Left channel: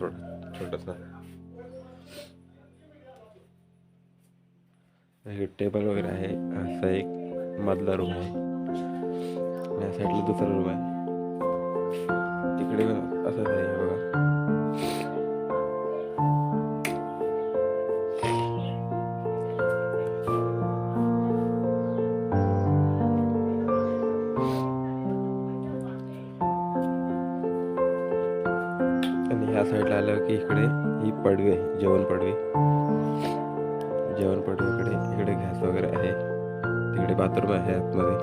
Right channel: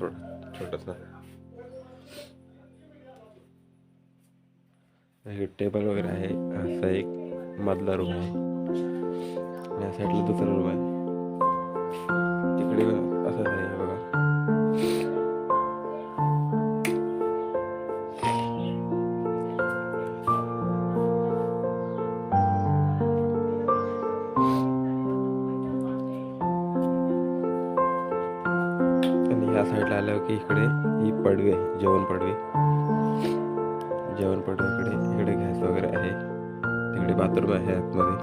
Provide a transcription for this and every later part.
थोडं छोटंसं हे टेबल वगैरे आहे. असा एक मधला रूम आहे. आणि या साईडला दुसरा रूम आहे. तिकडे असंच आहे बघा. आणि ह्या साईडला आलं की इकडे ही पडवी आहे जेवण पडवी. जेवण पडवी इकडे इकडे गॅस वगैरे आहे. तिकडे बाथरूम आहे आतमध्ये.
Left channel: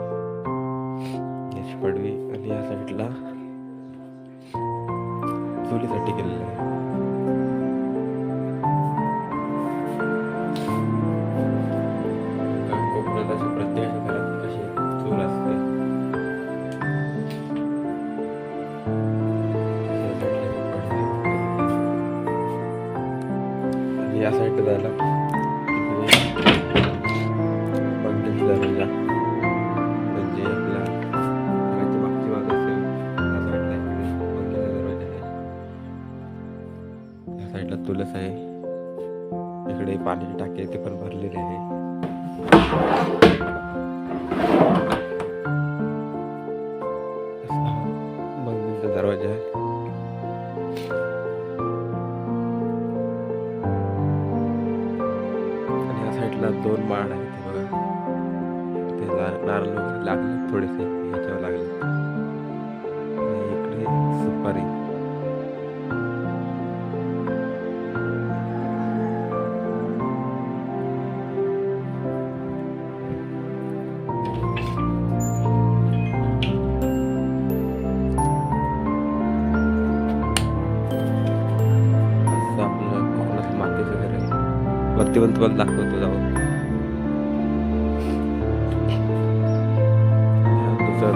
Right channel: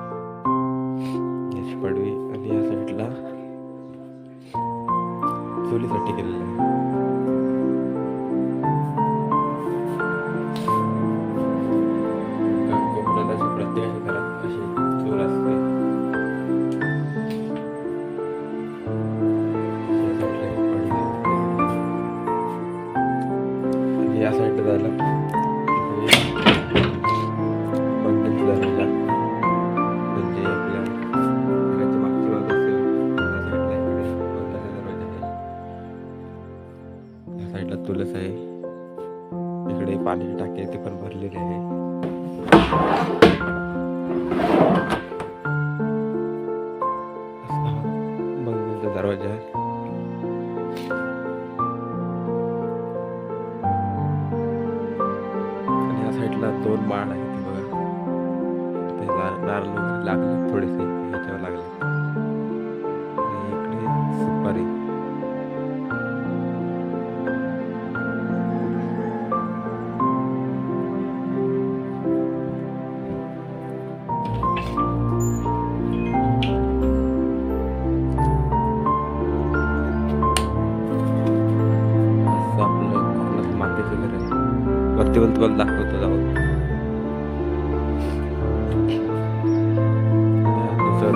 गॅस पडवी आणि या साईडला चुलीसाठी केलेलं आहे. या साईडला जायला बंगल्याचा दरवाजा म्हणजे आपल्या घराच्या मागची बाजू असेल त्या साईडला इकडे बंगल्याचा दरवाजा आहे. त्या साईडला तुलस आहे. इकडे पाण्याची टाकी आहे ते पण भरलेले आहे. बंगल्याचा दरवाजा आहे. साईडला दोन माळ आहेत ते बघा. ते नारळ वगैरे लागले थोडेसे ह्याच्यावर लागले. आणि इकडे सुपारी. असं आपलं कोकणातलं मातीचं घर आहे. वरती पण तुम्हाला दाखवतो जाऊन हा दुसरा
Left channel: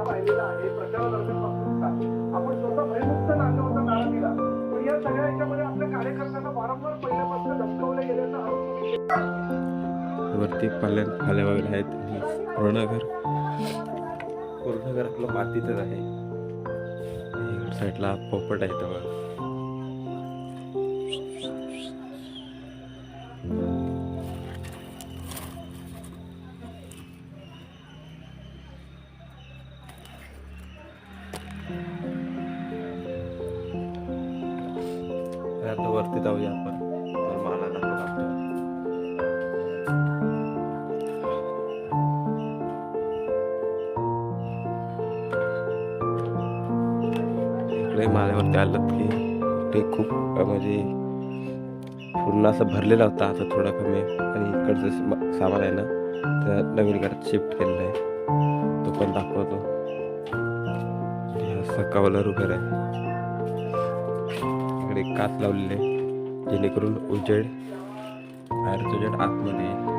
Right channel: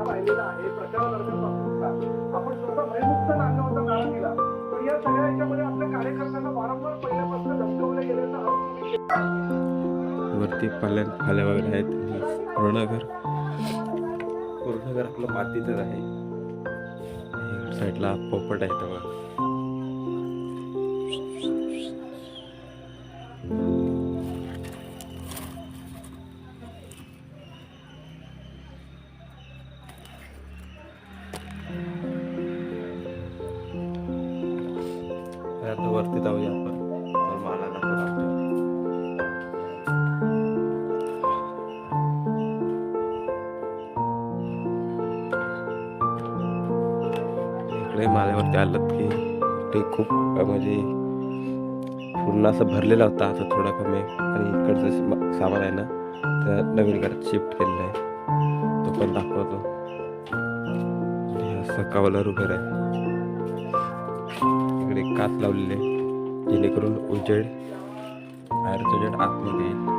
भाऊ राहिलेला आहे. प्रचारादरम्यानपासून आपण स्वतः भयमुक्त नांदवता नारा दिला. पण या सगळ्या याच्यामध्ये आपल्या कार्यकर्त्यांना वारंवार पहिल्यापासून धमकवले गेल्याचा आरोप वरती पाल्या फाल्या वगैरे आहेत. पूर्ण घर पूर्ण घर आपलं मातीचंच आहे साईडला पोपट आहे तेव्हा इकडे माल्यावरती आलं की ते खूप म्हणजे पूर्ण असं भरलेला होता आता थोडा कमी. आणि इकडचं सामान आहे ना त्या नवीन घरात शिफ्ट केलेलं आहे. तो पण दाखवतो. आणि हा घर आहे. इकडे काच लावलेले आहे. जेणेकरून उजेड बाहेरचं उजेड आतमध्ये येईल.